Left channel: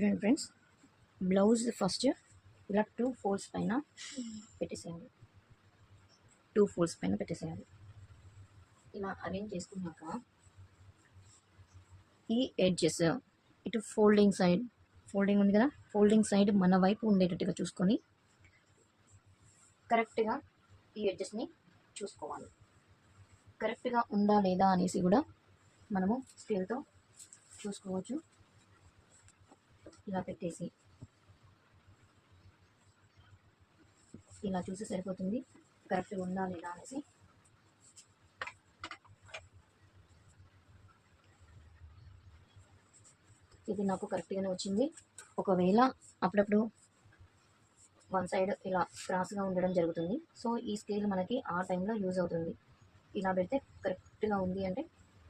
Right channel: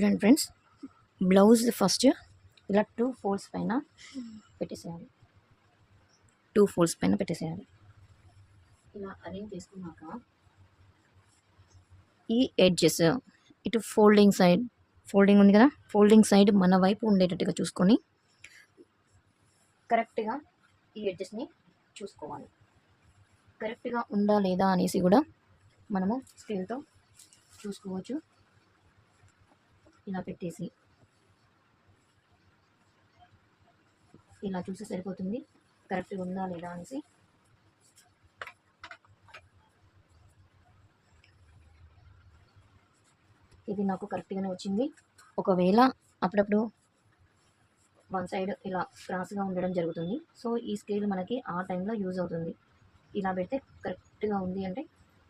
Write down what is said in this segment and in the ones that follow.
చూడండి friends, blouse first ఇలా 2 folds పైన పెట్టేసేయాలి. 2 ఫోల్డ్స్ పైన పెట్టేసేయాలి. ఇలా అరేంజ్ చేసుకున్నాక ఈ ఎడ్జెస్ ఇటు ఫోల్డింగ్ ఉంది కదా, ఫోల్డింగ్ సైడ్ మన వైపు ఉండేటట్టుగా చూసుకొని కరెక్ట్గా ఈ ఎడ్జెస్ని చూసుకోవాలి. కరెక్ట్గా ఉందా లేదా అనేసి కూడా మనము స్కేల్తో చూసుకోవచ్చు. ఇలా పెట్టేసి ఇలా చూసి సరిపోతుంది కరెక్ట్గా ఉందా లేదా అనేసి. ఇది నాకు కరెక్ట్గానే వచ్చింది. ఒకవేళ అప్పుడప్పుడు వన్ సైడ్ ఇలా క్రాస్గా ఉండడం జరుగుతుంది. సో ఈ స్కేల్ మనకి ఆ టైంలో యూజ్ అవుతుంది. ఇలా పెడితే కరెక్ట్గా ఉంది అంటే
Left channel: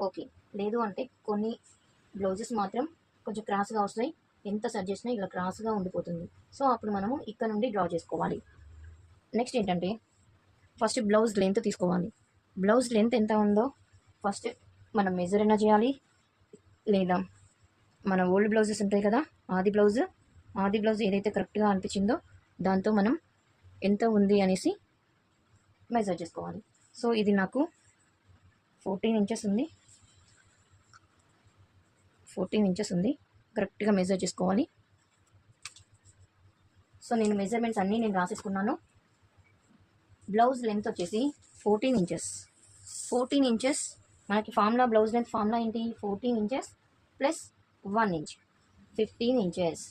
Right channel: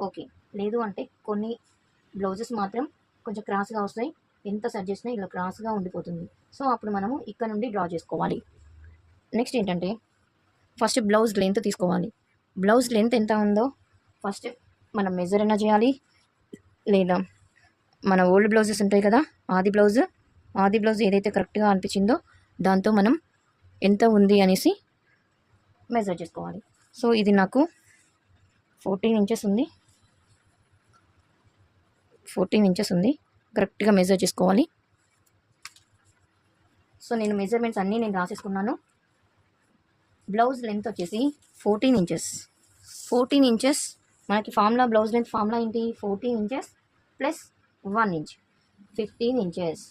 ఓకే. లేదు అంటే కొన్ని బ్లౌజెస్ మాత్రం కొంచెం క్రాస్గా వస్తాయి. ఎంత సెట్ చేసినా ఇలా క్రాస్గా ఉండిపోతుంది. సో అప్పుడు మనము ఇక్కడ నుండి డ్రా చేసుకోవాలి. నెక్స్ట్ ఏంటంటే ఫస్ట్ బ్లౌజ్ లెంత్ తీసుకోవాలి. బ్లౌజ్ లెంత్ ఎంత ఉందో ఫస్ట్ మనం మెజర్ అయినా చేయాలి, లేదా మన ఓల్డ్ బ్లౌజెస్ ఉంటాయి కదా, ఆది బ్లౌజ్ ఏదైతే కరెక్ట్గా అనిపించిందో దాంతో మనం ఎంత ఉంది అనేసి మెజర్ చేసుకోవాలి. సో ఇది నాకు 14 ఇంచెస్ ఉంది. 14 ఇంచెస్ ఉంది. కరెక్ట్గా మెజర్ చేసుకోవాలి. సో నేను మెజర్మెంట్స్ అన్నీ నేను రాసేసుకున్నాను. బ్లౌజ్ లెంత్ వచ్చేసి 14 ఇంచెస్. 14 ఇంచెస్ మనకి బ్లౌజ్ లెంత్ ఫార్ములా ఏంటి? 14 inches plus 1 inch 15 inches.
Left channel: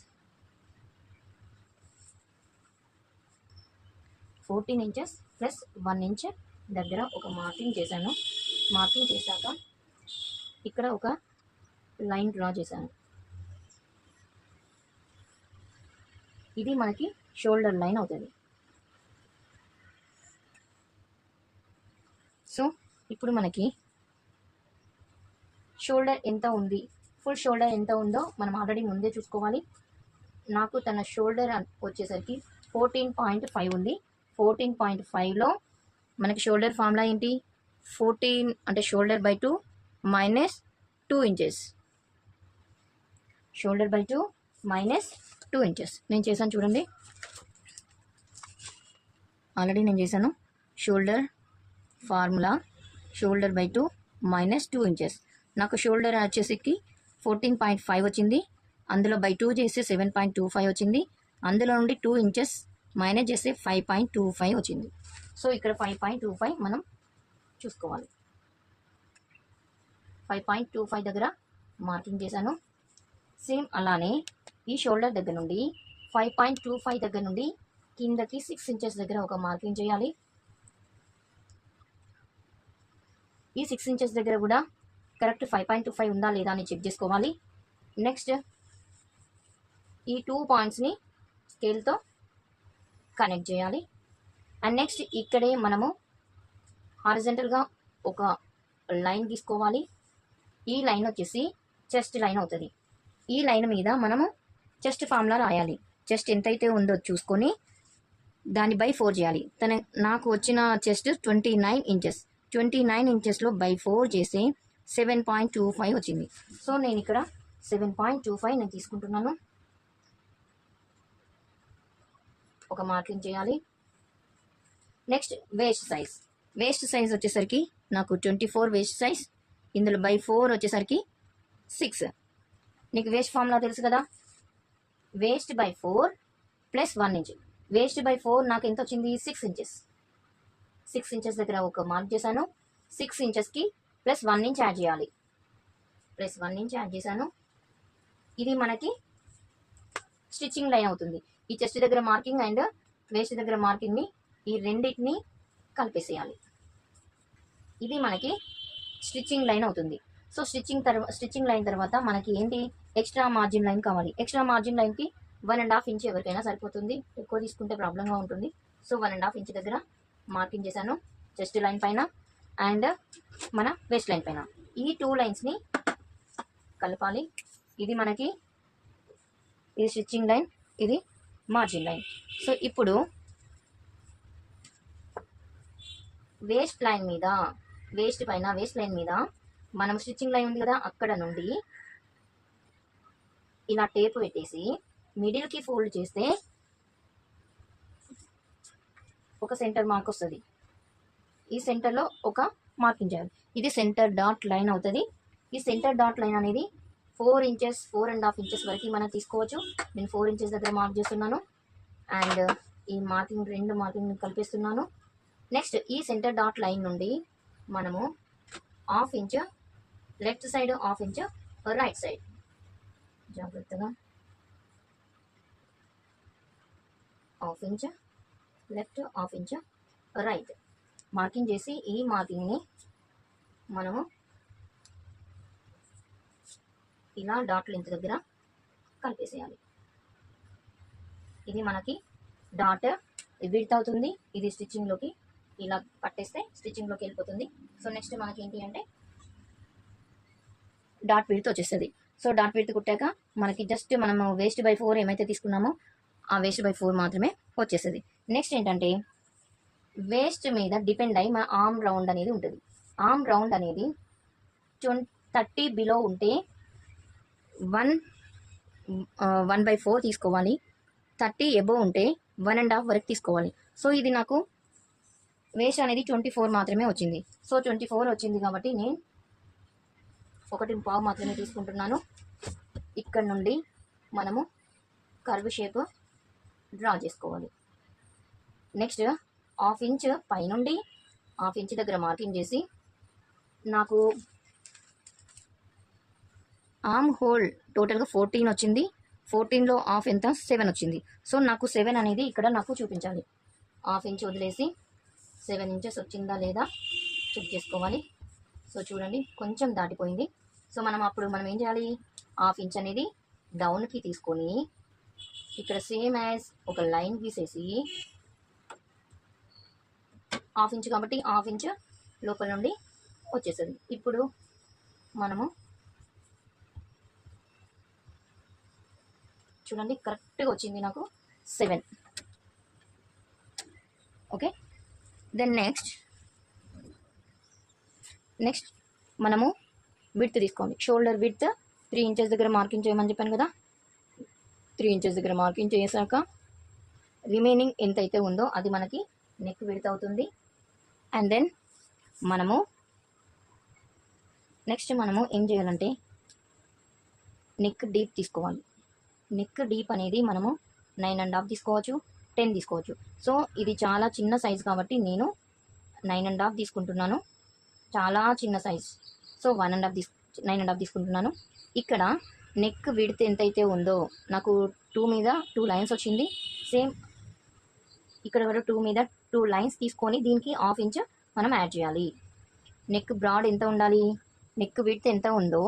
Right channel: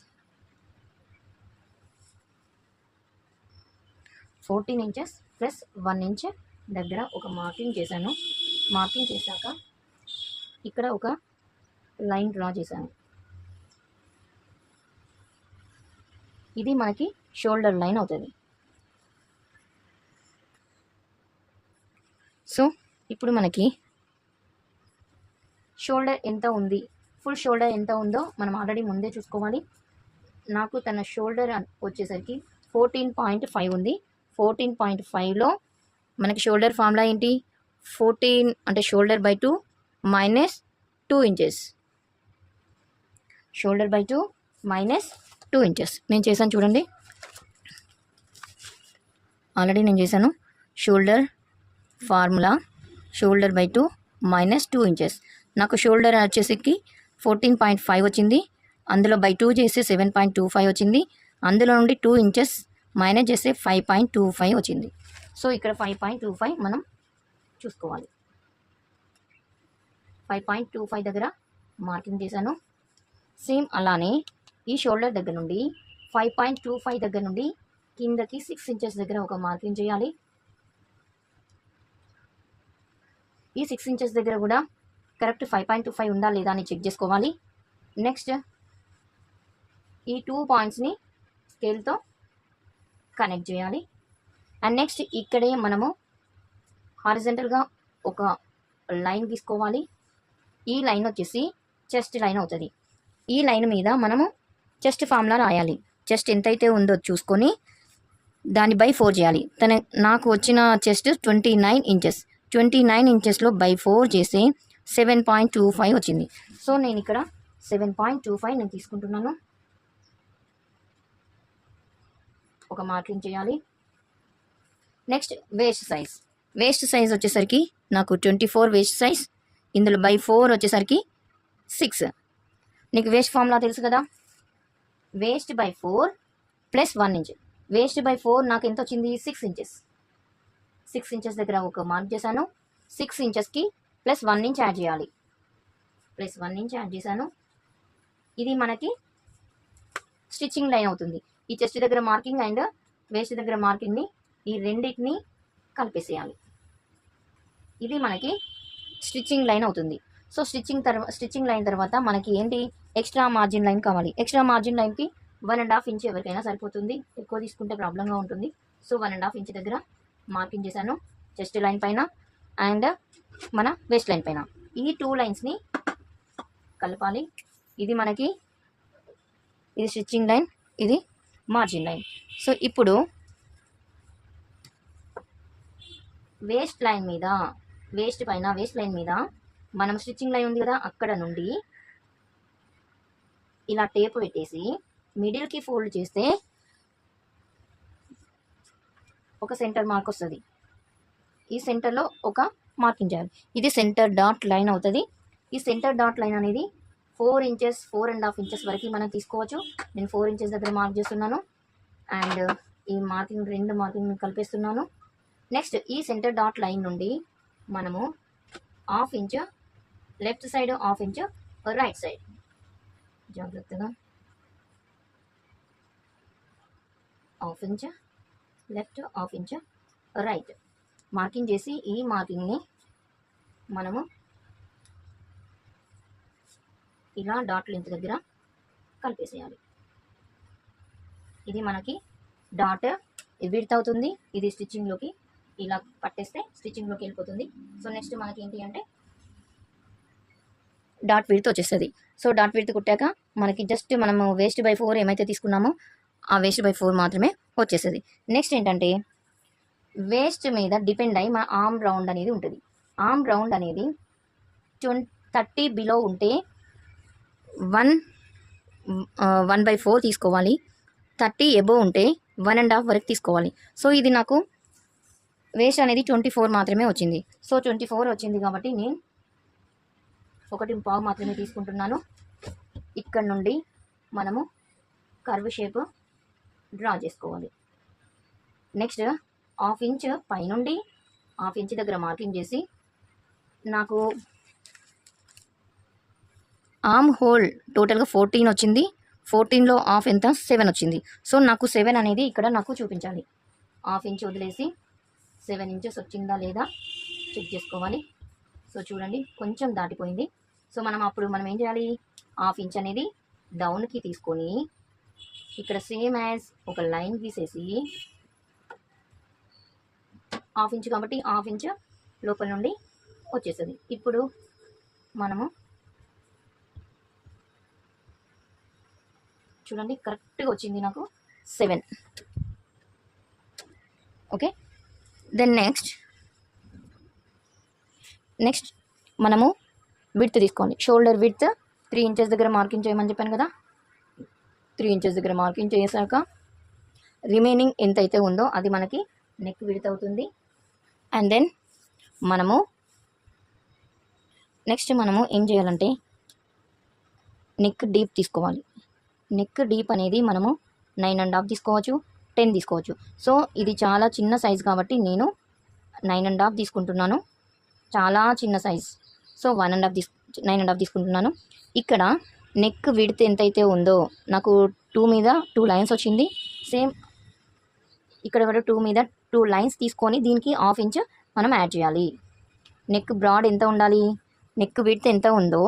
14 inches plus 1 inch దగ్గర ఒక మార్కింగ్ చేశాను. మార్కింగ్ చేశాక ఇక్కడ ఒక లైన్ డ్రా చేశాను. ఇది మనకి షోల్డర్ లైన్ అవుతుంది. సో ఇప్పుడు మనకి షోల్డర్ ఎంత ఉంది, ఫుల్ షోల్డర్ ఎంత ఉందో మనం ఆల్రెడీ ముందే చూసుకోవాలి. నాకు తన షోల్డర్ వచ్చేసరికి 14.5 ఉంది. 14.5లో మనకి షోల్డర్ ఫార్ములా ఏంటి? 14 అంటే shoulder by 2 minus 2 inches. Shoulder by 2 minus 2 inches నేను చేశాను చూడండి. ఆల్రెడీ నేను చేశాను. Shoulder formula shoulder by 2 minus 2 inches. నాకు షోల్డర్ వచ్చేసరికి 14.5 వచ్చింది. అందులో బై 2 చేస్తే 7.25 వచ్చింది. అందులో నుండి 2 ఇంచెస్ మైనస్ చేస్తే 5.25 వచ్చింది. సో ఇక్కడ 5.25 మనం చూసుకోవాలి. 5.25 దగ్గర మార్కింగ్ చేశాను. సేమ్ అలానే ఈ షోల్డర్ దగ్గర నుండి 5.25 దగ్గర నుండి కిందకి 6 ఇంచెస్ దగ్గర ఒక మార్కింగ్ చేయాలి. ఈ 6 ఇంచెస్ దగ్గర కూడా కరెక్ట్ 5.25 ఉందా లేదా అని చెక్ చేసుకోవాలి. నెక్స్ట్ ఈ 2 పాయింట్స్ని స్కేల్తో కనెక్ట్ చేయాలి. అండ్ నెక్స్ట్ ఇక్కడే మనము హారిజంటల్గా ఒక లైన్ గీసుకోవాలి. ఈ లైన్ వచ్చేసి చెస్ట్ లైన్ అవుతుంది. ఈ లైన్ మీద మనము చెస్ట్ ఫార్ములా రాయాలి. చెస్ట్ ఎంతైతే ఉందో చూసుకొని దాన్ని బై 4 చేయాలి. నాకు వచ్చిన చెస్ట్ 29 ఇంచెస్. 29 ఇంచెస్లో బై 4 చేస్తే 7.25 వచ్చింది. సో నేను ఇక్కడ 7.25 నేను తీసుకుంటున్నాను. ఒక మార్కింగ్ చేయాలి. నెక్స్ట్ వేస్ట్ సైజ్ వచ్చేసరికి నాకు 24 వేస్ట్ సైజ్. ఇందులో బై 4 వచ్చేసరికి 6. నీకు వేస్ట్ ఫార్ములా తెలుసు కదా, waste by 4 plus 1 inch. Waste by 4 నాకు ఎంత వచ్చింది? 6 ఇంచెస్. 6 ఇంచెస్ దగ్గర ఒక మార్క్ చేశాను. 6 ఇంచెస్కి ప్లస్ 1 ఇంచ్ యాడ్ చేయాలి. ప్లస్ 1 ఇంచ్ యాడ్ చేశాను. ఇది మనకి స్టిచ్చింగ్ లైన్ అవుతుంది. ఈ చెస్ట్ దగ్గర మార్కింగ్ అండ్ వేస్ట్ దగ్గర మార్కింగ్ని ఈ రెండింటిని కలిపేసేయాలి. ఇది మనకి స్టిచ్చింగ్ లైన్ అవుతుంది. సో స్టిచ్చింగ్ లైన్ తర్వాత మనకి ఏంటి? ఎక్స్ట్రా మార్జిన్ లైన్ కావాలి. ఎక్స్ట్రా మార్జిన్ లైన్కి 1.5 ఇంచ్ ఎవరికైనా సరిపోతుంది. ఎక్కువ తీసుకుంటే ప్రాబ్లంగా ఉంటుంది. సో 1.5 ఇంచ్ దగ్గర మార్కింగ్ చేశాను చెస్ట్ లైన్ పైన అండ్ మన వేస్ట్ లైన్ పైన. ఈ 2 లైన్స్ని కలపాలి. ఇది స్టిచ్చింగ్ లైన్, ఇది మార్జిన్ లైన్. సో ఇప్పుడు వేస్ట్ లైన్ మీద మనం స్టిచ్చింగ్ లైన్ ఉంది కదా, అక్కడ నుండి ఇలా టేప్ పెట్టేసి మిడిల్కి ఫోల్డ్ చేస్తే ఒక సెంటర్ మార్క్ వస్తుంది. ఈ సెంటర్లో ఒక మార్కింగ్ చేయాలి. ఇది సెంటర్ డాట్ లైన్ అవుతుంది. ఈ సెంటర్ డాట్ లైన్ అనేది 4 ఇంచెస్ 4.5 ఇంచెస్ వరకు మనం తీసుకోవచ్చు. నేను 4 ఇంచెస్ దగ్గర మార్క్ చేస్తున్నాను. అండ్ ఈ మార్కింగ్ 2 మార్కింగ్ కలిపేస్తున్నాను. నెక్స్ట్ ఈ సెంటర్ డాట్ లైన్ నుండి మనము 1/2 inch left side, 1/2 inch right side, జాగ్రత్తగా 1/2 inch left, 1/2 inch right marking చేసి ఈ మార్కింగ్ని మనము ఇలా డాట్ లెంత్ దగ్గర కలిపేసేయాలి. ఇది మనకి డాట్ విడ్త్ అవుతుంది. ఇది స్టిచ్చింగ్లోకి ఇలా పట్టేస్తే స్టిచ్చింగ్లోకి వెళ్ళిపోతుంది. సో నెక్స్ట్ మనకి ఏంటి అంటే డాట్ విడ్త్ వచ్చేస్తుంది. సో డాట్ విడ్త్ కుట్టాక మనకి జస్ట్ మనము వేస్ట్ బై 4 ఏమైతే తీసుకున్నామో ఆ వేస్ట్ బై 4 మాత్రమే వచ్చేస్తుంది. నెక్స్ట్ ఏంటంటే వేస్ట్ మీద డిపెండ్ అయ్యి మా ఆర్మ్ రౌండ్ అనేది ఉంటుంది. ఆర్మ్ రౌండ్ అనేది 30 బిలో ఉంటే 1/4 తీసుకోవాలి. 30 ఎబో ఉంటే 1.5 వరకు తీసుకోవాలి. సో ఇది నాకు వేస్ట్ అనేది 24 మాత్రమే వచ్చింది. సో 24 వచ్చింది కాబట్టి నేను 1.5 మాత్రమే తీసుకుంటున్నాను. ఇక్కడ నుండి మనము కర్వ్ షేప్ డ్రా చేసుకోవాలి. నెక్స్ట్ 1/2 ఇంచ్ పైనుండి 1/2 ఇంచ్ దగ్గర మార్కింగ్ చేసి నాకు ఆర్మ్ హోల్ టోటల్గా 14 వచ్చింది. 14లో 1/2 ఎంత 7 వచ్చింది. సో నాకు 7 అనేది ఇక్కడ నాకు చూపించాలి. 1/2 ఇంచ్ వదిలేసి 7 ఇంచెస్ వచ్చిందా లేదా చెక్ చేసుకోవాలి. సో చూడండి కొంచెం దాటిపోయింది. సో మనం ఏం చేయాలి, 1/2 ఇంచ్ అనేది డౌన్కి తీసుకొని ఇక్కడ సేమ్ యాజ్ ఒక లైన్ గీసేసి 1/2 ఇంచ్ కాబట్టి 1/2 ఇంచ్ లోపల నుండి వచ్చేస్తుంది. ఇప్పుడు మనము చూడండి కరెక్ట్గా వచ్చింది నాకు 7. ఓకే, దెన్ నెక్స్ట్ మనము విడ్త్ తీసుకోండి. షోల్డర్ విడ్త్ 3 ఇంచెస్ దగ్గర మార్కింగ్ చేయమని చెప్పాను కదా. 3 ఇంచెస్ దగ్గర మార్కింగ్ చేసాక రిమైనింగ్ ఎంతైతే ఉందో అది మనకి నెక్ విడ్త్ అవుతుంది. అండ్ దెన్ నెక్స్ట్ మనము ఏం చేయాలంటే నెక్ డీప్ తీసుకోవాలి. నెక్ డీప్ అనేది మనము 9.5 తీసుకోవచ్చు, 10 తీసుకోవచ్చు. సో ఇది చాలా చిన్న సైజ్ కాబట్టి నేను 9.5 తీసుకుంటున్నాను. చాలా చిన్న సైజ్. సో 9.5 తీసుకుంటున్నాను. ఇక్కడ నెక్ విడ్త్ ఎంతైతే ఉందో నాకు 2 మీద 2 లైన్స్ వచ్చింది. సేమ్ ఇక్కడ కూడా 2 మీద 2 లైన్స్ తీసుకొని దీనికి 1/2 ఇంచ్ మనం యాడ్ చేయాలి. నెక్ బ్రాడ్ ఎంత ఉండాలి, నెక్ విడ్త్ ఎంత ఉందో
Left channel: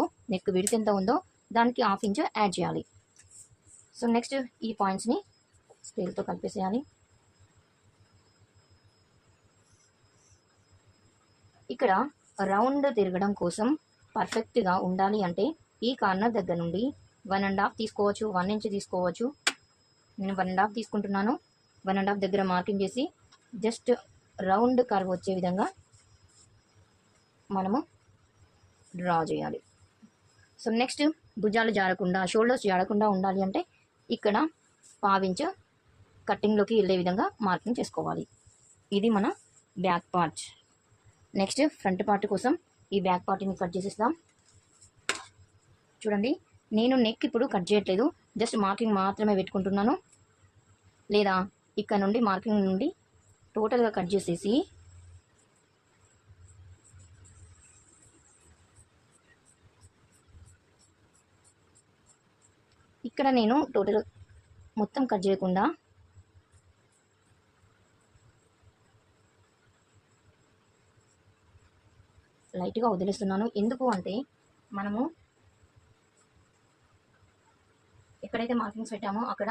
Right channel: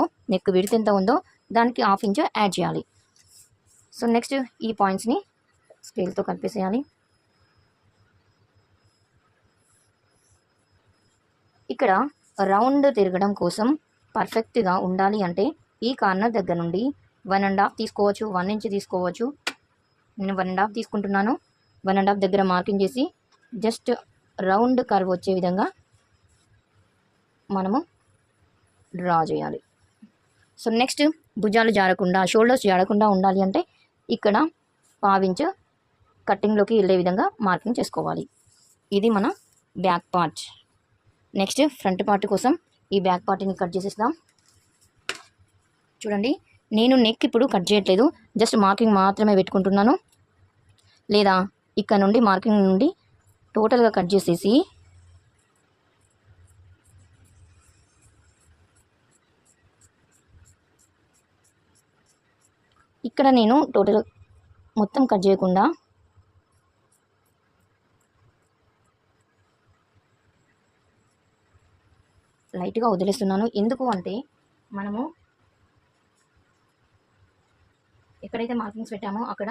దానికి 1/2 ఇంచ్ యాడ్ చేయాలి. సో నెక్స్ట్ ఈ పాయింట్స్ని స్కేల్తో కలిపేసేయాలి. ఇక్కడ రౌండ్ తిరగడం కోసం పర్ఫెక్ట్గా ఉండాలి అంటే ఈ కార్నర్ దగ్గర నుండి 1.5 తీసుకోవచ్చు, 1 ఇంచ్ తీసుకోవచ్చు. నేను 1.5 తీసుకుంటున్నాను. 1.5 దగ్గర మార్కింగ్ చేసి జస్ట్ రౌండ్ కర్వ్ వచ్చే విధంగా మనము డ్రా చేయాలి. సో నెక్స్ట్ భుజాలు జారకుండా, షోల్డర్స్ జారకుండా ఉండాలి అంటే ఇక్కడ 1/2 ఇంచ్ కట్టింగ్లోకి వెళ్ళే విధంగా మార్కింగ్ చేసుకోవాలి. ఇది మన back part. Next front part కోసం ఈ బ్యాక్ పార్ట్ని కట్ చేసేస్తాం. చూడండి నేను నెక్ ఇప్పుడు కట్ చేయట్లేదు, జస్ట్ మార్కింగ్ మాత్రమే పెట్టుకుంటున్నాను. లేదా ఇక్కడ నుండి మార్కింగ్ నుండి టోటల్గా కట్ చేసేసి ఇక్కడ నేను టోటల్ మొత్తం కట్ చేయకుండా లైట్గా వదిలేస్తున్నాను. ఎందుకు అంటే మనము ఎక్కడైతే మార్కింగ్స్ పెట్టామో అక్కడ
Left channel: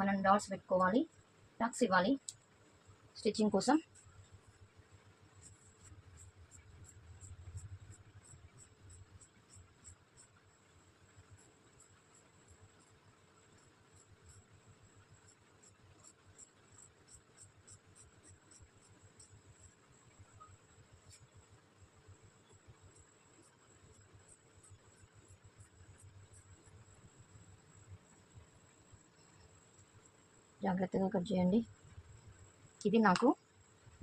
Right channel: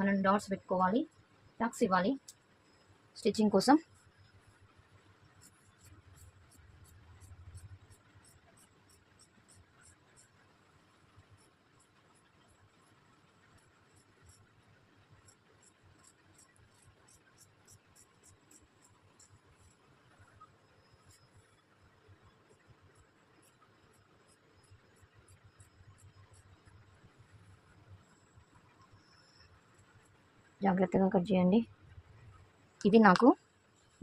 మనం డాట్స్ పెట్టుకోవాలి, టక్స్ ఇవ్వాలి స్టిచ్చింగ్ కోసం. జాగ్రత్తగా కట్ చేయండి. ఇది నాకు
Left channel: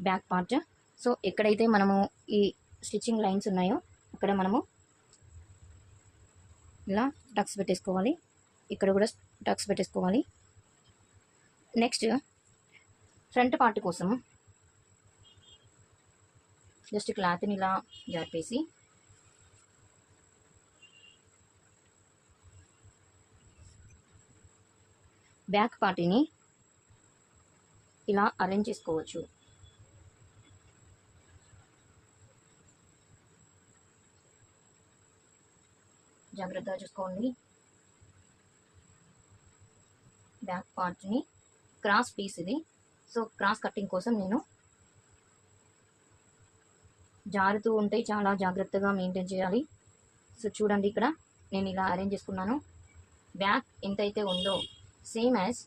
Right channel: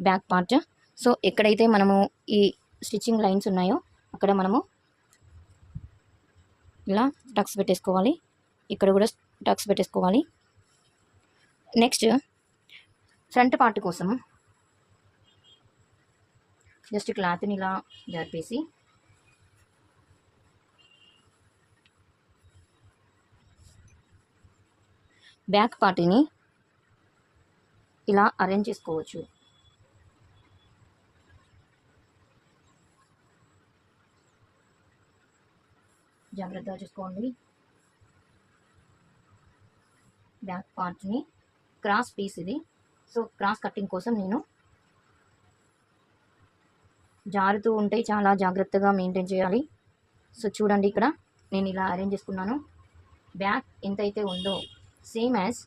బ్యాక్ పార్ట్. సో ఎక్కడైతే మనము ఈ స్టిచ్చింగ్ లైన్స్ ఉన్నాయో అక్కడ మనము ఇలా టక్స్ పెట్టేసుకోవాలి. ఇక్కడ కూడా టక్స్ పెట్టేసుకోవాలి. నెక్స్ట్ ఫ్రంట్ పార్ట్ కోసం జస్ట్ క్లాత్ని ఇలా జరిపేసి బ్యాక్ పార్ట్ని ఇలా అరేంజ్ చేసుకోవచ్చు. జాగ్రత్తగా చూసుకోండి. బ్యాక్ పార్ట్ని క్రాస్ పీస్ ఇది. సో క్రాస్ కటింగ్ కోసం నేను జారుతూ ఉంటే చాలా జాగ్రత్తగా మెయింటైన్ చేయాలి. సో చూడండి, ఇక్కడ నేను ఇలా అరేంజ్ చేసుకున్నాను. బ్యాక్ ఎంతైతే ఉందో సేమ్ యాజ్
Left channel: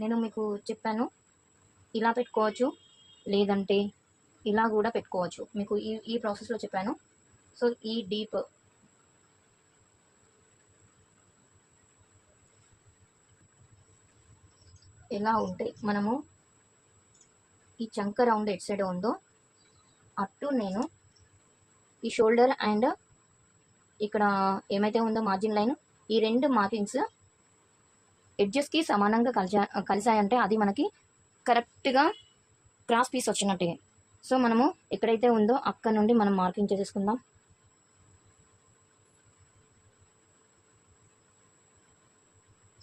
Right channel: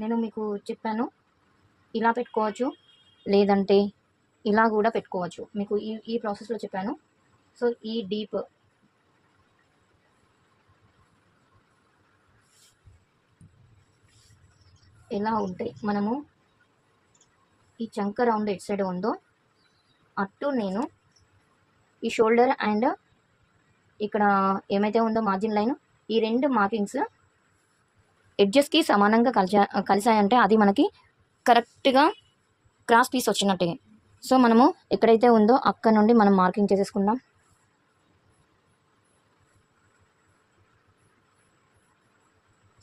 నేను మీకు చెప్పాను, ఇలా పెట్టుకోవచ్చు, లేదంటే ఇలా కూడా పెట్టుకోవచ్చు. మీకు ఈ ప్రాసెస్లో చెప్పాను. సో ఈ డీప్ ఎలా ఉంటే మనము ఈ చంక రౌండ్ ఎట్ సైడ్ ఉందో అటు నేను ఈ షోల్డర్ అండ్ ఇక్కడ ఏమైతే ఉందో మార్జిన్ లైన్, ఈ రెండు మార్కింగ్స్ ఎడ్జెస్కి సమానంగా కలిసాయంటే అది మనకి కరెక్ట్గా క్రాస్ పీస్ వచ్చినట్టే. సో మనము ఎక్కడైతే ఉందో అక్కడ నుండి మనం మార్కింగ్ చేసేసుకుందాం.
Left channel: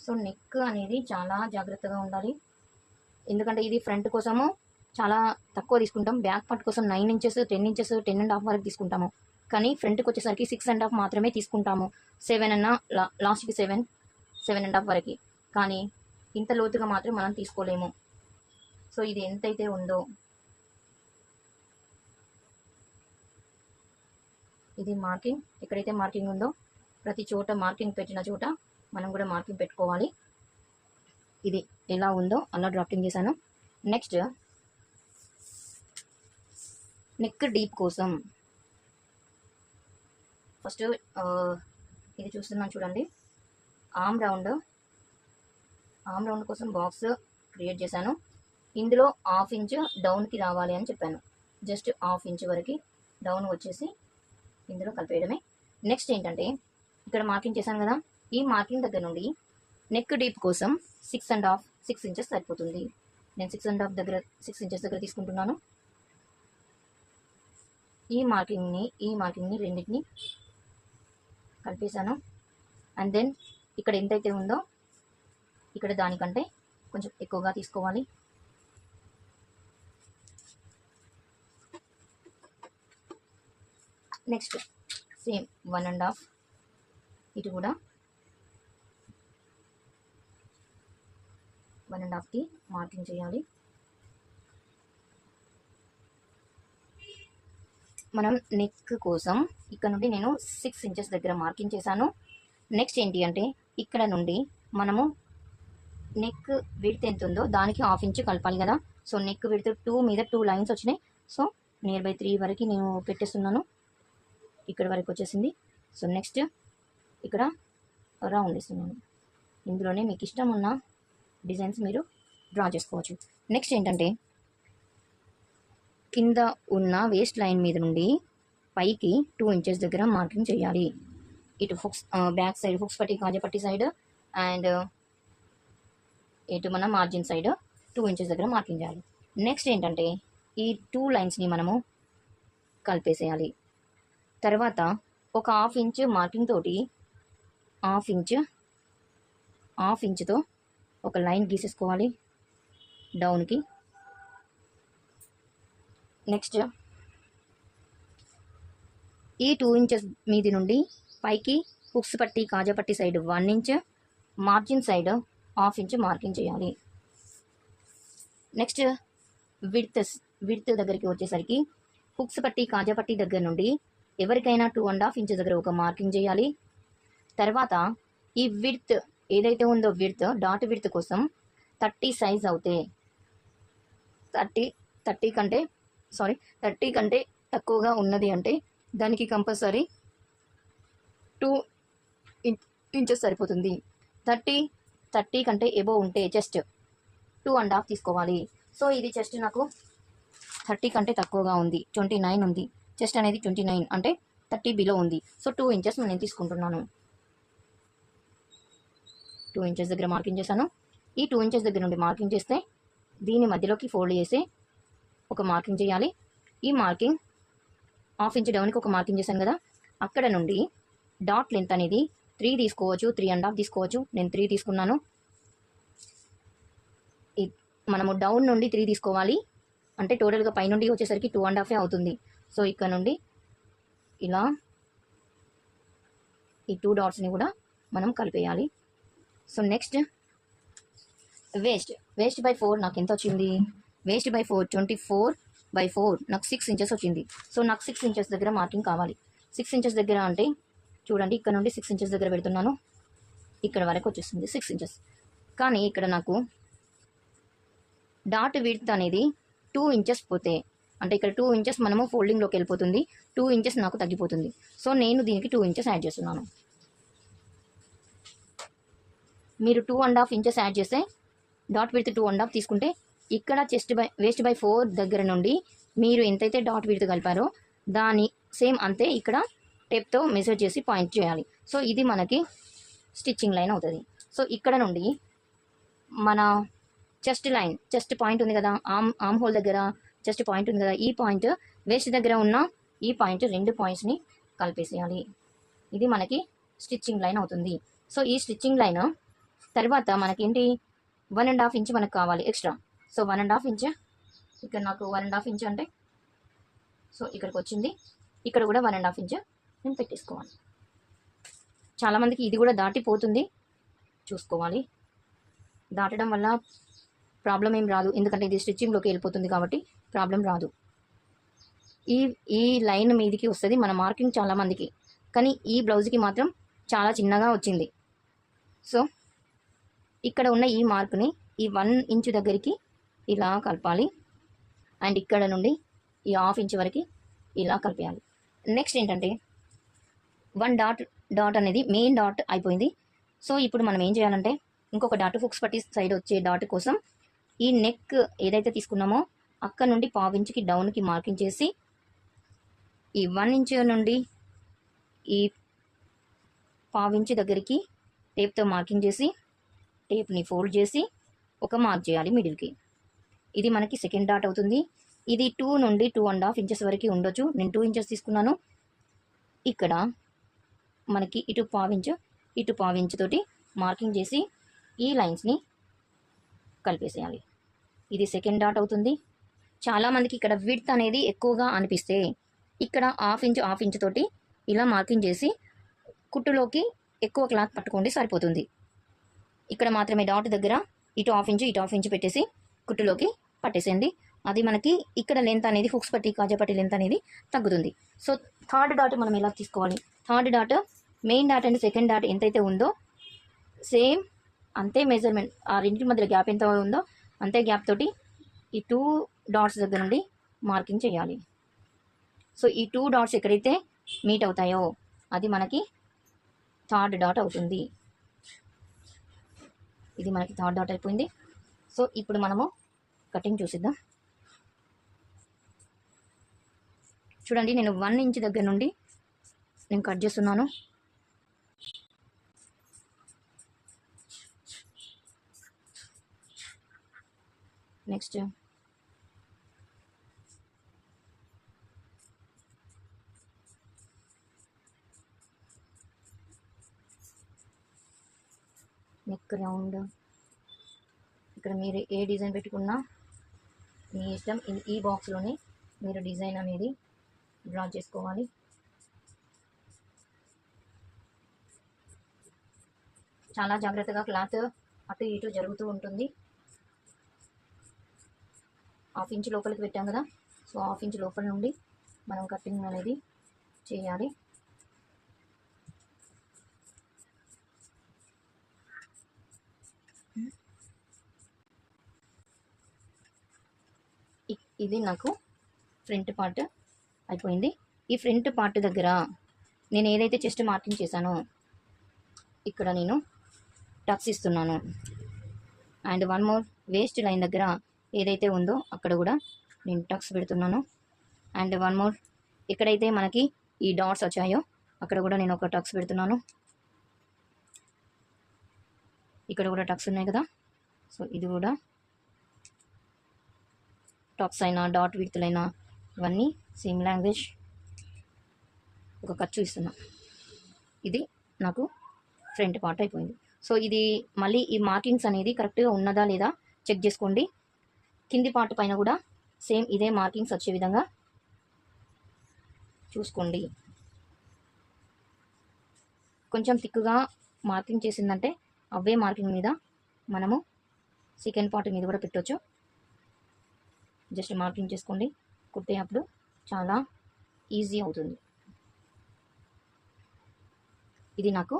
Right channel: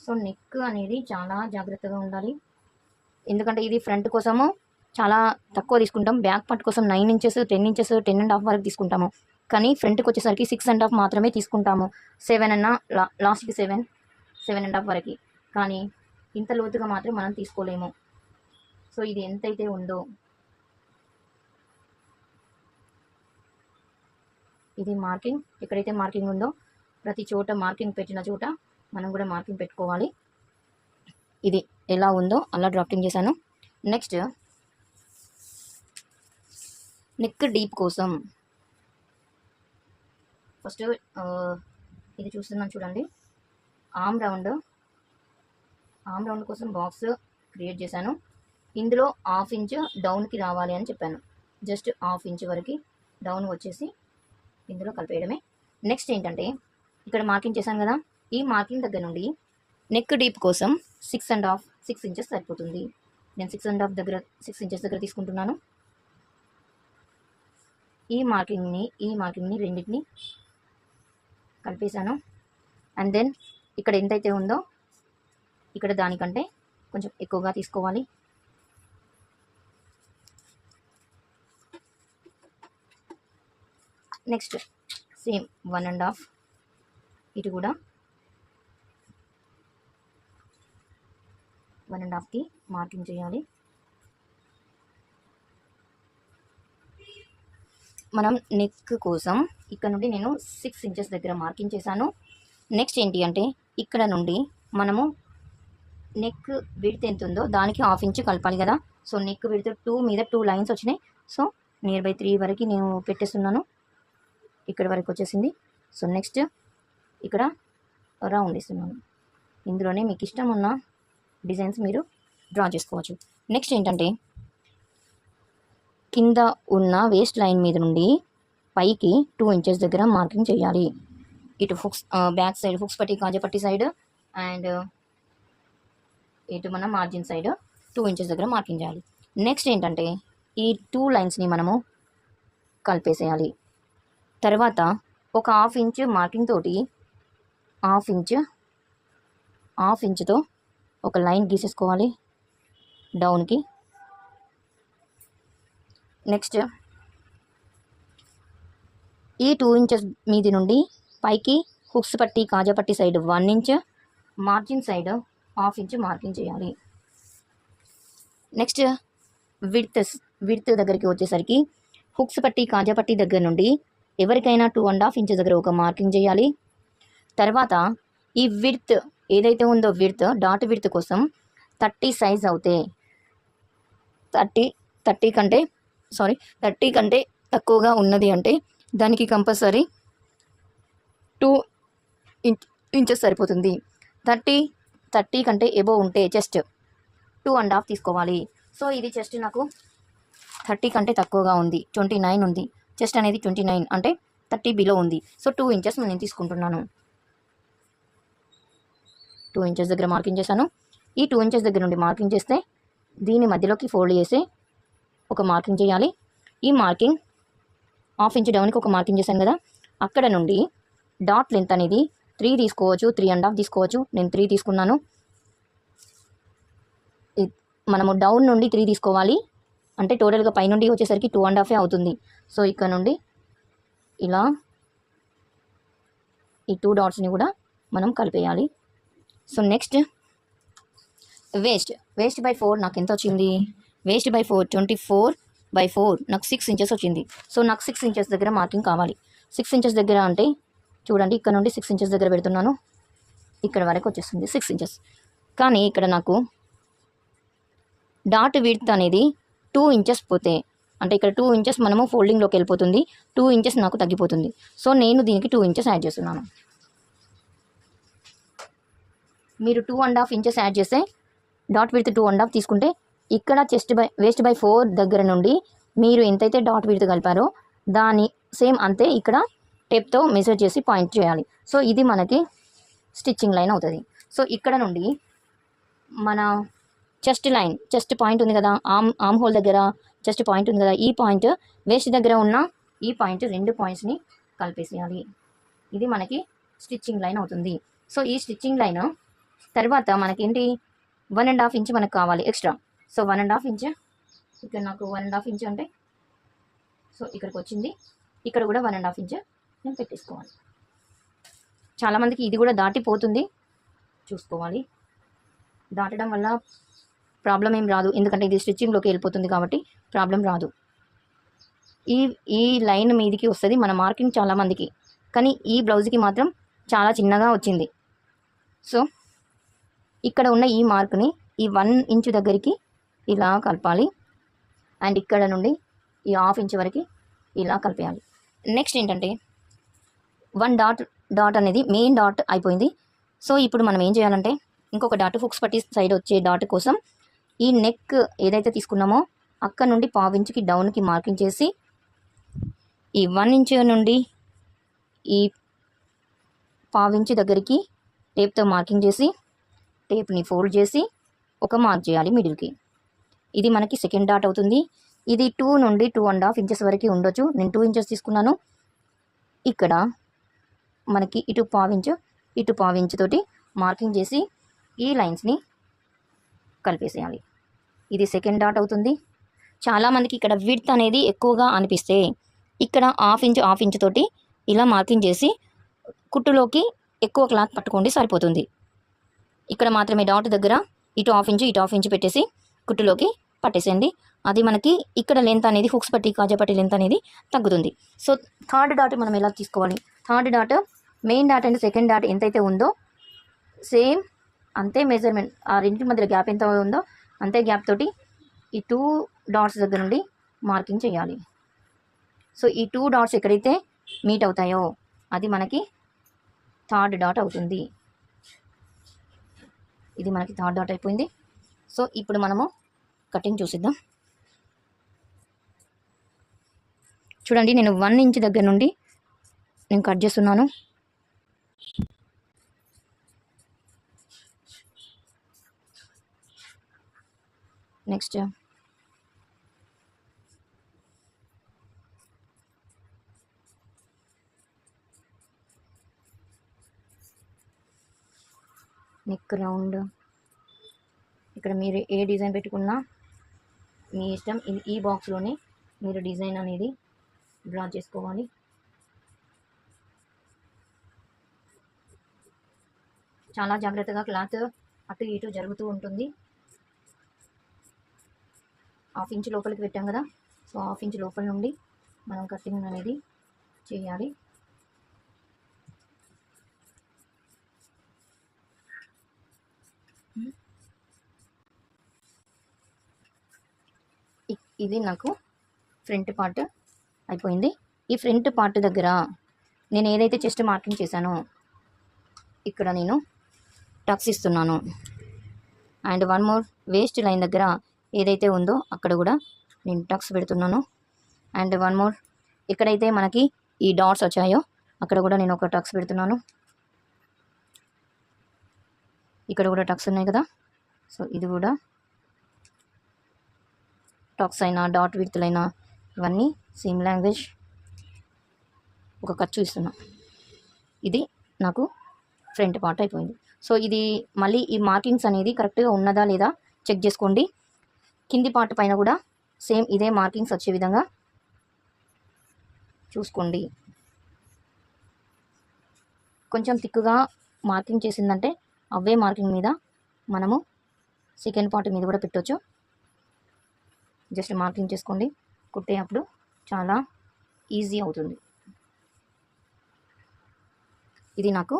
సో నెక్ అనేది చాలా జాగ్రత్తగా ఉండాలి, ఎందుకంటే ఇది ఫ్రంట్ కోసము చాలా తక్కువ తీసుకుంటాం. బ్యాక్ పార్ట్ కోసం 9 ఇంచెస్ 10 ఇంచెస్ 10.5 వరకు తీసుకుంటాము. కానీ ఫ్రంట్కి వచ్చేసరికి 6.5 మాత్రమే తీసుకుంటాము. 7 అన్న లాస్ట్కి 7.5 వరకు. కానీ ఇంత లోతుగా మాత్రం మనం తీసుకోలేము. సో ఇది ఎంతైతే ఉందో ఇది మార్కింగ్, ఎక్కడైతే మార్కింగ్ ఉందో ప్రతి చోట మార్కింగ్ పెట్టిన చోట మనం కూడా మార్కింగ్ పెట్టుకోవాలి. ఇది ఎలా ఉందో అలా డ్రాఫ్టింగ్ చేశాను. నెక్స్ట్ నెక్ డీప్ కోసం ఫస్ట్ ఇది చూస్తున్నాను చూడండి. ఆమ్ రౌండ్ కోసం బాక్స్ క్రియేట్ చేశాను. ఇందులో 1/2 ఇంచ్ డౌన్కి రావాలి అని చెప్పాను. జస్ట్ 1/2 ఇంచ్ వరకు డౌన్ వచ్చేసి ఇందులో కలిపేయడమే. నెక్స్ట్ ఏంటంటే ఇక్కడ మార్కింగ్ చేశాను కదా, ఈ మార్కింగ్ దగ్గర నుండి నెక్ డీప్ కోసం 6 ఇంచెస్ సరిపోతుంది. నేను 6 ఇంచెస్ దగ్గర తీసుకుంటున్నాను. ఈ మార్కింగ్ని రెండింటిని కలిపేశాను. అండ్ దెన్ ఇక్కడ ఎంతైతే ఉందో ఇక్కడ దానికంటే కొంచెం ఎక్కువగా తీసుకోవాలి. నెక్స్ట్ సేమ్ 1.5 ఇటు కూడా 1.5కి మార్కింగ్ చేయాలి. మనం నెక్ కోసం ఇక్కడ నుండి నేను 6 ఇంచెస్ దగ్గర మార్కింగ్ చేశాను. నెక్స్ట్ ఏంటి అంటే ఇక్కడ నుండి మనము నెక్ విడ్త్ ఎంత ఉందో దానికి 1/2 ఇంచ్ కలపాలి కదా. సో నెక్ విడ్త్ 2 మీద 2 లైన్స్ వచ్చినాయి. సో నియర్ బై 3 వరకు నేను పెట్టేస్తున్నాను. ఇక్కడ వరకు వచ్చేసింది. సో నెక్స్ట్ ఇక్కడ రౌండ్ ఇస్తున్నాను. ఇందులోనే మీకు ఇష్టం ఉన్న డిజైన్స్ మీరు డ్రా చేసుకోవచ్చు. నెక్స్ట్ ఏంటంటే కింద ఉన్న వేస్ట్ లైన్ మీద నుండి పైకి 2 ఇంచెస్ దగ్గర మార్కింగ్ చేయాలి. ఇటు బ్యాక్ సైడ్ హుక్స్ పట్టి కాజపట్టి సైడ్ అండ్ ఇటు మన మార్జిన్ సైడ్ 2 ఇంచెస్ దగ్గర మార్కింగ్ చేయాలి. నెక్స్ట్ ఏంటంటే ఈ 2 లైన్స్ని మనము కలిపేసేయాలి. తర్వాత ఒక 1/2 ఇంచ్ మార్కింగ్ తోటి 1/2 ఇంచ్తో ఒక లైన్ గీసేసుకోవాలి డౌన్కి. నెక్స్ట్ ఈ 2 ఇంచెస్ మీది నుండి పైకి హుక్స్ పట్టి కాజపట్టి side 1 inch, margin side 1/2 inch marking చేయాలి. నెక్స్ట్ విడ్త్ దగ్గరికి వచ్చేసరికి హుక్స్ పట్టి కాజపట్టి దగ్గర నుండి ఎవరికైనా 2.5 ఇంచెస్ దగ్గర ఒక మార్కింగ్ చేయాలి. తర్వాత ఈ విడ్త్ ఏదైతే ఉందో డాట్ విడ్త్ కోసం 30 సైజ్ అవుతే 30 కంటే తక్కువగా ఉన్నది అంటే దానికి కంపల్సరీ 2 ఇంచెస్ సరిపోతుంది. 30 కంటే ఎబో ఉంటే చెస్ట్ 2.5 తీసుకోవాలి. సో ఇది చెస్ట్ నాకు 30 కంటే తక్కువగా ఉంది, 29 ఉంది. చెస్ట్ అనేది 29 అంటే 30 బిలో ఉంది. సో 2 ఇంచెస్ నేను తీసుకుంటున్నాను. 2 ఇంచెస్ దగ్గర మార్కింగ్ చేశాను. ఈ 2 ఇంచెస్ దగ్గర నుండి మార్కింగ్ చేస్తే దీని మధ్యలోకి ఫోల్డ్ చేసి ఒక మార్కింగ్ చేయాలి. ఈ మార్కింగ్ హాఫ్ ఇంచ్ డౌన్కి ఒక మార్కింగ్ చేశాను కదా, అక్కడ నుండి డాట్ లెంత్ అనేది 3 తీసుకోవచ్చు, 3.5 తీసుకోవచ్చు. నేను 3 తీసుకున్నాను. మనము డౌన్ నుండి 3 తీసుకోవాలి, అంటే టోటల్గా పైనుండి వచ్చేసరికి 2.5 అవుతుంది. సో ఇక్కడ నుండి ఇలా ఈ 2 డాట్స్ని కూడా మనం కలిపేయాలి. సో నెక్స్ట్ వేస్ట్ బై 4 నాకు ఎంత వచ్చింది? వేస్ట్ బై 4 24/4 నాకు 6 ఇంచెస్ వచ్చింది. సో నాకు 6 ఇంచెస్ దగ్గర మార్కింగ్ కావాలి. 6 ఇంచెస్ దగ్గర అంటే చూడండి, ఇక్కడ నుండి 6 ఇంచెస్ దగ్గర పెడుతున్నాను, ఇక్కడ వరకు వచ్చేస్తుంది 6 ఇంచెస్. కానీ ఇక్కడ నాకు డాట్ విడ్త్ అనేది 2 ఇంచెస్ పోతే, అంటే ఇక్కడ 2 ఇంచెస్ మనము ఫోల్డింగ్లోకి వెళ్ళిపోతుంది, 2 ఇంచెస్ నాకు తగ్గిపోతుంది. సో నేను దీనికి 2 ఇంచెస్ యాడ్ చేస్తున్నాను. మీరు 2.5 ఇంచెస్ యాడ్ చేస్తే డాట్ విడ్త్ 2.5 తీసుకుంటే ఇక్కడ వేస్ట్ బై 4 దగ్గర నుండి మీరు ఎంతైతే డాట్ విడ్త్ కలిపారో దాని సేమ్ అంతే ఇక్కడ టేప్తో మెజర్ చేసి పాయింట్ చేయాలి. సో ఇది మనకి స్టిచ్చింగ్ లైన్ అవుతుంది. సో ఇక్కడ నుండి మన చెస్ట్ పాయింట్ ఉంది కదా, ఆర్మ్ హోల్ దగ్గర చెస్ట్ పాయింట్ ఉంది కదా, ఈ పాయింట్ వేస్ట్ దగ్గర ఉన్న ఈ పాయింట్ 2 పాయింట్స్ని కలిపేసేయాలి. ఇది మనకి స్టిచ్చింగ్ లైన్ అవుతుంది. సో ఈ స్టిచ్చింగ్ లైన్ తర్వాత మనకి ఏంటి, 1.5 ఇంచ్ మనకు కావాలి ఎక్స్ట్రా. సో 1.5 ఇంచ్ ఇక్కడ నాకు 1.5 ఇంచ్ అంటే సో ఇక్కడికి వచ్చింది, ఇక్కడ కూడా 1.5 ఇంచ్ నేను పెట్టేసుకోవాలి. చాలామందికి ఇది కూడా దాటిపోతుంది, చూసుకోవాలి. దాటడం వల్ల ప్రాబ్లం ఏం రాదు, ఎందుకంటే ఇది స్టిచ్చింగ్లోకి వెళ్ళిపోతుంది కాబట్టి ప్రాబ్లం రాదు. ఈ లైన్ మీదికి వస్తుంది మన మార్కింగ్ చాలామందికి, కానీ ఈ బ్లౌజ్కి మాత్రం చాలా చిన్నగా వచ్చింది. సో ఇక్కడ ఉన్న ఈ మార్క్ని ఈ 1 ఇంచ్ దగ్గరికి ఇలా కలపాలి, అండ్ ఇక్కడ నుండి ఈ 1/2 ఇంచ్ వరకు ఇలా కలిపేయాలి. నెక్స్ట్ ఏంటంటే 1 డాట్ అనేది మెయిన్ డాట్ అయిపోయింది. సో ఇప్పుడు మనం ఏం చేయాలంటే ఇంకొక డాట్ హుక్స్ పట్టి సైడ్ వచ్చే డాట్ కోసం ఈ నెక్ ఏదైతే తీసుకున్నామో అక్కడ నుండి 1/2 ఇంచ్కి డౌన్కి మార్కింగ్ చేసి ఈ 1 ఇంచ్ నుండి ఈ 1/2 ఇంచ్ దగ్గరికి టేప్తో మార్కింగ్ చేసి టేప్ని ఫోల్డ్ చేసి ఒక మార్క్ చేయాలి మిడిల్కి. ఇది మనకి సెకండ్ డాట్ అవుతుంది. ఇది 2 నుండి 2.5 ఇంచెస్ వరకు ఉండొచ్చు, నేను 2 ఇంచెస్ తీసుకున్నాను. ఇక్కడ మనకి ఇటు 1/2 ఇంచ్ ఇటు 1/2 ఇంచ్ తోటి మార్కింగ్ చేసి ఈ లైన్స్ని కలిపేసేయాలి. ఇది సెకండ్ డాట్ అవుతుంది. చాలామందికి ఇక్కడ విడ్త్ అనేది ఎక్కువగా అనిపిస్తే ఇక్కడ 1/2 ఇంచ్ తోటి ఇలా మార్కింగ్ చేసి కుట్టులోకి ఎక్కువ క్లాత్ పట్టుకోండి, సరిపోతుంది. ఇక్కడ మాత్రమే డాట్ దగ్గర ఇటు 1/2 ఇంచ్ ఇటు 1/2 ఇంచ్ పెట్టేసి కుట్టులోకి పట్టేసేయండి. అది మనకి ఇక్కడ లెంత్ అనేది హుక్స్ పట్టి కాజాపట్టి లెంత్ అనేది తగ్గుతుంది. సో థర్డ్ డాట్ మనం ఎలా తీసుకోవాలి, third dot main dot and second dot ఎంతైతే ఉందో సేమ్ అంతే మెజర్మెంట్, ఆ రెండింటి మధ్యలో గ్యాప్ ఎంత ఉందో అంతే గ్యాప్ తోటి ఈ 2 డాట్స్ దగ్గర నుండి మార్కింగ్ చేయాలి. సో ఈ 2 డాట్స్ ఎక్కడైతే మీట్ అవుతాయో అది మనకి థర్డ్ డాట్ అవుతుంది. ఇది మనకి థర్డ్ డాట్ అయిపోయింది. సో ఇప్పుడు మనము కటింగ్ చూసిద్దాం. చూడండి, నేను 1 ఇంచ్ దగ్గర నుండి నేను కట్ చేస్తున్నాను. నెక్స్ట్ నెక్ రౌండ్, ఇక్కడ మీరు ఏ డిజైన్ పెట్టుకున్నా మీ ఇష్టం. ఈ బాక్స్లోనే మీరు డిజైన్ అనేది డ్రా చేసుకోవాలి. చాలా జాగ్రత్తగా క్లాత్ అటు ఇటు జరుగుతూ ఉంటుంది. 1/2 ఇంచ్ లోపలికి పెట్టాం కదా, సో 1/2 ఇంచ్ లోపల నుండి మనం కటింగ్ అనేది చేయాలి. ఇది నాకు ఫ్రంట్ పార్ట్ అయిపోయింది. ఈ ఫ్రంట్ పార్ట్ దగ్గర నేను ఏదైతే చెస్ట్ మార్కింగ్ చేశానో ఇక్కడ నేను టక్స్ ఇస్తున్నాను. And one more waist line దగ్గర ఏదైతే ఉందో అక్కడ కూడా నేను టక్స్ పెడుతున్నాను. అండ్ వన్ మోర్ ఎక్కడైతే మనకి ఈ డాట్స్ వచ్చాయో అక్కడ కూడా నేను ఒక టక్స్ పెడుతున్నాను. ఇక్కడ కూడా టక్స్ ఉన్నాయి కదా, సో ఇది కూడా టక్స్ అయినా డాట్ విడ్త్లైనా ఇవన్నీ సేమ్ లాంగ్వేజ్. ఒక ఖర్చు ఇస్తున్నా. ఇది నాకు ఫ్రంట్ పార్ట్ అయిపోయింది. సో ఇది మళ్ళీ ఈ మార్కింగ్స్ అనేది కరెక్ట్గా ఉన్నదా లేదా చెక్ చేసుకోండి. కింది పార్ట్ పైన కూడా సేమ్ ఇదే మార్కింగ్స్ వచ్చే విధంగా చూసుకోండి. కొంచెం థిక్గా మార్కింగ్ చేసిందంటే అవే మార్కింగ్ మీద మనము సెకండ్ పార్ట్ మీద కూడా పెట్టవచ్చు. జస్ట్ మార్కింగ్ చేసుకోండి, కుట్టేటప్పుడు చాలా ఈజీ అవుతుంది. ఇది నాకు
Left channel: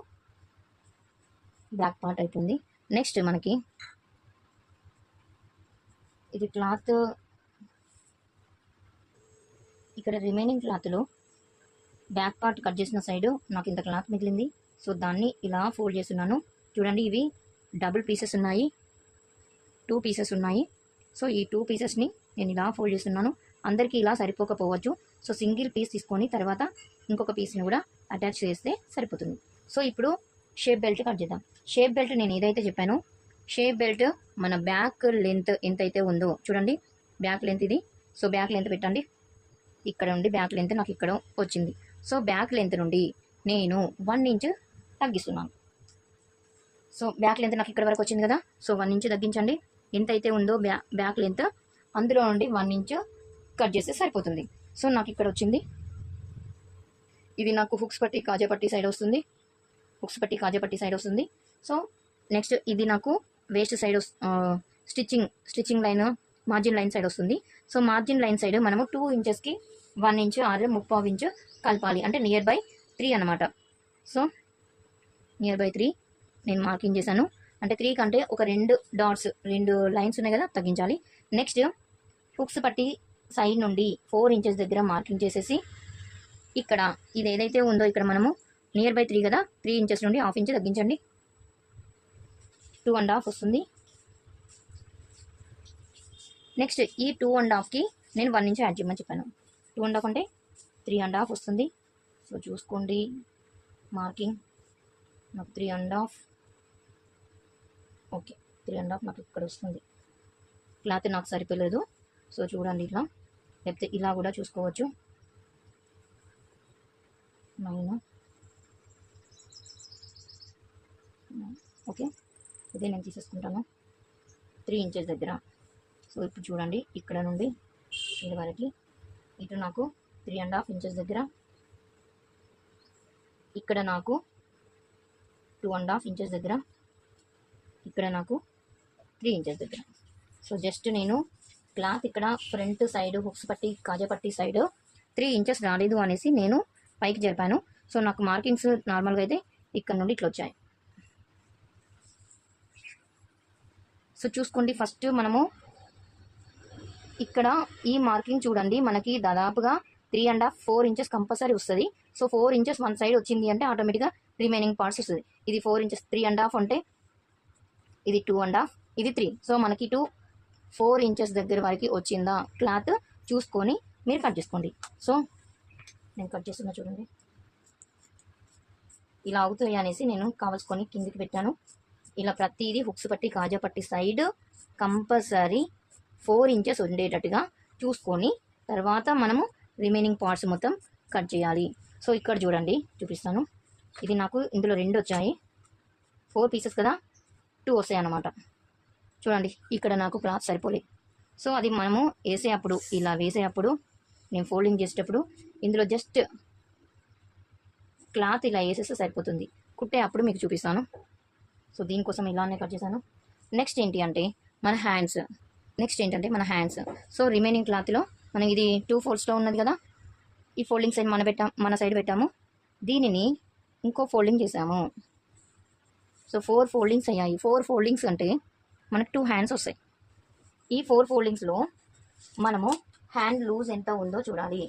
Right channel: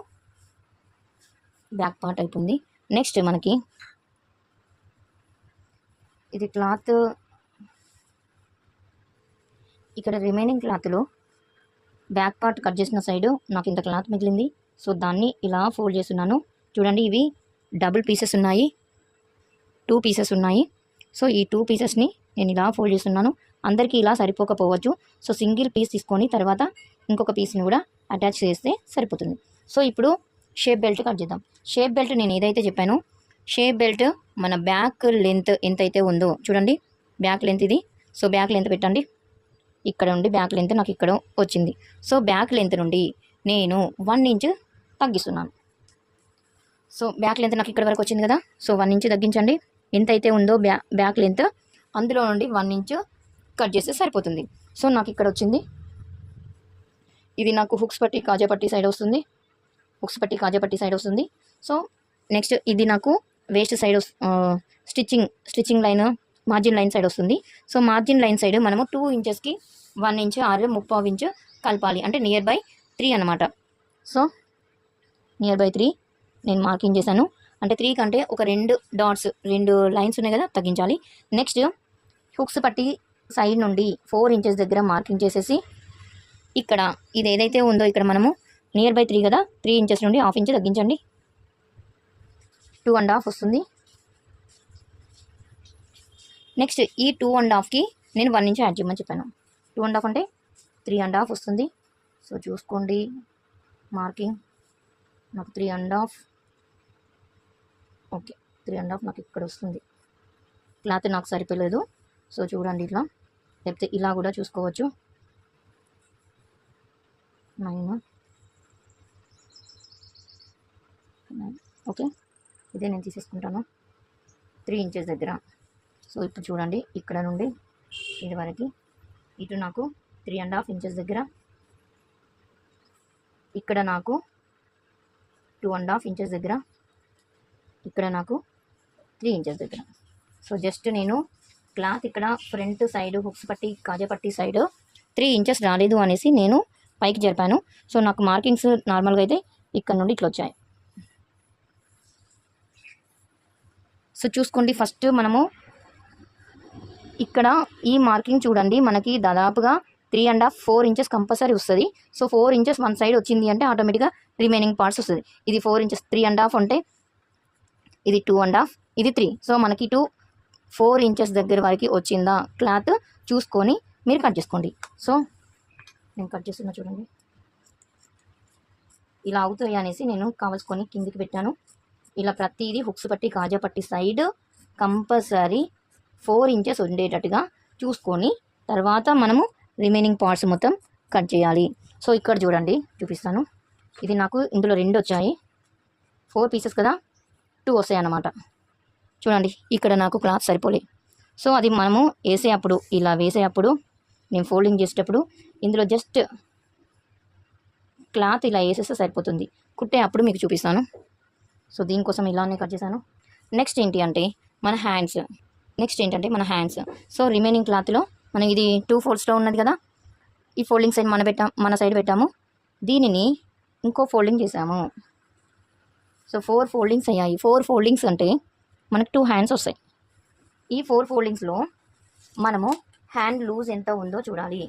బ్యాక్ పార్ట్ అయిపోయింది. నెక్స్ట్ మనకి ఇది క్లాత్, ఇక్కడ రిమైనింగ్ క్లాత్లో బ్యాక్ పార్ట్ కట్ చేసిన సైడు నాకు ఇంత క్లాత్ మిగిలింది. సో దాన్ని ఇలా ఫోల్డ్ చేస్తున్నాను. చూడండి, ఇవి డబుల్ పీసెస్ ఉన్నాయి, 2 పీసెస్ ఉన్నాయి. సో ఈ 2 పీసెస్ని నేను ఇలా ఫోల్డ్ చేస్తున్నాను. అందరికీ ఇలా సరిపోకపోవచ్చు. సో సింగిల్ పీస్ తీసుకొని తర్వాత ఇంకొక పీస్ని కూడా అటాచ్ చేస్తే సరిపోతుంది. సో ఇప్పుడు షేప్ బెల్ట్ కట్ చేద్దాం. షేప్ బెల్ట్ నేను ఏదైతే చెప్పానో, షేప్ బెల్ట్ మన బ్యాక్ లెంత్ ఎంతైతే ఉందో చూడండి, బ్యాక్ లెంత్ ఇది. సో బ్యాక్ లెంత్ పెట్టండి. ఇక్కడ నుండి బ్యాక్ లెంత్ నాకు ఇక్కడ వచ్చింది. సో బ్యాక్ లెంత్ నుండి నేను 1 ఇంచ్ తగ్గిస్తున్నాను. సో బ్యాక్ లెంత్ నాకు ఇక్కడ వరకు వచ్చింది కదా, సో 1 ఇంచ్ తగ్గించండి. ఎంతైతే ఉందో బ్యాక్ లెంత్ అందులో నుండి 1 ఇంచ్ కట్ చేస్తే సరిపోతుంది. సో నాకు ఇక్కడ వచ్చింది. ఇది నాకు హుక్స్ పట్టి కాజాపట్టి సైడ్ వస్తుంది. హుక్స్ పట్టి కాజాపట్టి సైడ్ వస్తుంది. సో నెక్స్ట్ ఇది నాకు waste side stitching line, margin line side వస్తుంది. సో మార్జిన్ లైన్ సైడ్ మనము 2 ఇంచెస్కి 1 ఇంచ్ ఆర్ 3/4 ఇంచ్ కలపాలి. అంటే నియర్ బై 3 అనమాట. సో నియర్ బై 3 నేను మార్కింగ్ చేశాను. అంటే 3 కంటే ఒక 2 డాట్స్, 2 లైన్స్ ఉన్నాయి కదా, తగ్గించాలి. నెక్స్ట్ హుక్స్ పట్టి సైడ్ నుండి 4 ఇంచెస్ దగ్గర మార్కింగ్ చేసేసి ఇక్కడ ఇది ఏదైతే ఉందో ఇక్కడ మనము నియర్ బై 3 కదా, 3 ఇంచెస్ నుండి 1/2 ఇంచ్ తగ్గించండి. 2.5 వస్తుంది. నెక్స్ట్ ఈ 2.5కి నేను 1 ఇంచ్ యాడ్ చేయమని చెప్పాను. 2.5 అంటే 3.5 వస్తుంది. సో చూసుకోండి, మార్కింగ్ నాకు 3.5. ఓకే, 3.5 నాకు ఇక్కడ వస్తుంది. క్లాత్ నాకు సరిపోలేదు. సో చూడండి, ఇట్లా లేకపోతే ఇలా కూడా చూసుకోవచ్చు. 9. ఓకే, ఇదే నేను తీసేసుకుంటాను 3 ఇంచెస్ దగ్గర. సో ఇప్పుడు చూడండి, ఇక్కడ నుండి ఇది వరకు ఇటు నాకు 3.5 ఇంచెస్ దగ్గర, ఇక్కడ నాకు 2.5 ఇంచెస్ దగ్గర, ఇక్కడ నాకు 3 ఇంచెస్ దగ్గర. సో జస్ట్ నేను క్లాత్ ఇక్కడ ఫ్రంట్ సైడ్ హుక్స్ పట్టి కాజాపట్టి సైడ్ 3 ఇంచెస్ రాలేదు అనేసి నేను పైకి జరిపాను. సో నాకు మార్కింగ్స్ నార్మల్గా అయితే ఇక్కడ నుండి ఇట్లా వచ్చాయి. సో చూసుకోండి, ఫస్ట్ మనము ఇక్కడ ఈ మార్కింగ్ చూడండి, మనకి దాదాపుగా 3.5 4 ఇంచెస్ కంపల్సరీ వస్తుంది. సో 4 ఇంచెస్ వన్ సైడ్ వచ్చింది అంటే ఆటోమేటిక్గా రిమైనింగ్ పార్ట్స్ వస్తుంది. ఇది 4 ఇంచెస్, 3.5 అంటే ఇది 2.5, ఇది 3. సో మనకి 4 ఇంచెస్ దగ్గర వరకు వచ్చిందా క్లాత్ చూసుకొని మీరు కట్ చేసుకోండి. సో నేను కట్ చేస్తున్నా చూడండి, ఇలా అవుతాయి అనేసి నేను కావాల్సుకొని కిందికి పెట్టాను. ఇలా ప్రతిదీ హుక్స్ పట్టి కాజాపట్టి సైడ్ కంపల్సరీ 4 ఇంచెస్ ఉండేటట్టుగా చూసుకొని తర్వాత మనము రిమైనింగ్ పార్ట్స్ మొత్తం కట్ చేయాలి. సో ఇక్కడ చూడండి, చూపిస్తాను. ఇది నాకు ఇందులో 2 వచ్చాయి, 4 పీసెస్ కదా, 2 వస్తాయి అన్నమాట. చూడండి, ఇక్కడ నాకు క్లాత్ సరిపోలే. సో అది మనము వేసేటప్పుడు, ఇలా వేసేటప్పుడు నేను ఫోల్డింగ్ చేసేటప్పుడు ఇందులో జస్ట్ క్లాత్ ఇలా వేసేస్తే సరిపోతుంది. కుట్టే అప్పుడు మీకు చూపిస్తాను. సో దీనికోసం ఇలానే కట్ చేశాను. నెక్స్ట్ ఏంటి అంటే మన హ్యాండ్స్. సో రిమైనింగ్ క్లాత్లో మనం ఇది 2 ఫోల్డ్స్లో ఉన్నది కదా, ఈ ఫోల్డింగ్ సైడ్ మన సైడ్ పెట్టాము, దీనిని ఇంకో ఫోల్డింగ్ చేసాము. సో 4 ఫోల్డింగ్స్ అయ్యాయి. 4 ఫోల్డింగ్స్ అంటే మనకు 2 హ్యాండ్స్ వస్తాయి. ఈ 4 ఫోల్డింగ్స్లో మనము హ్యాండ్ లూజ్ ఎంత ఉందో చూడాలి.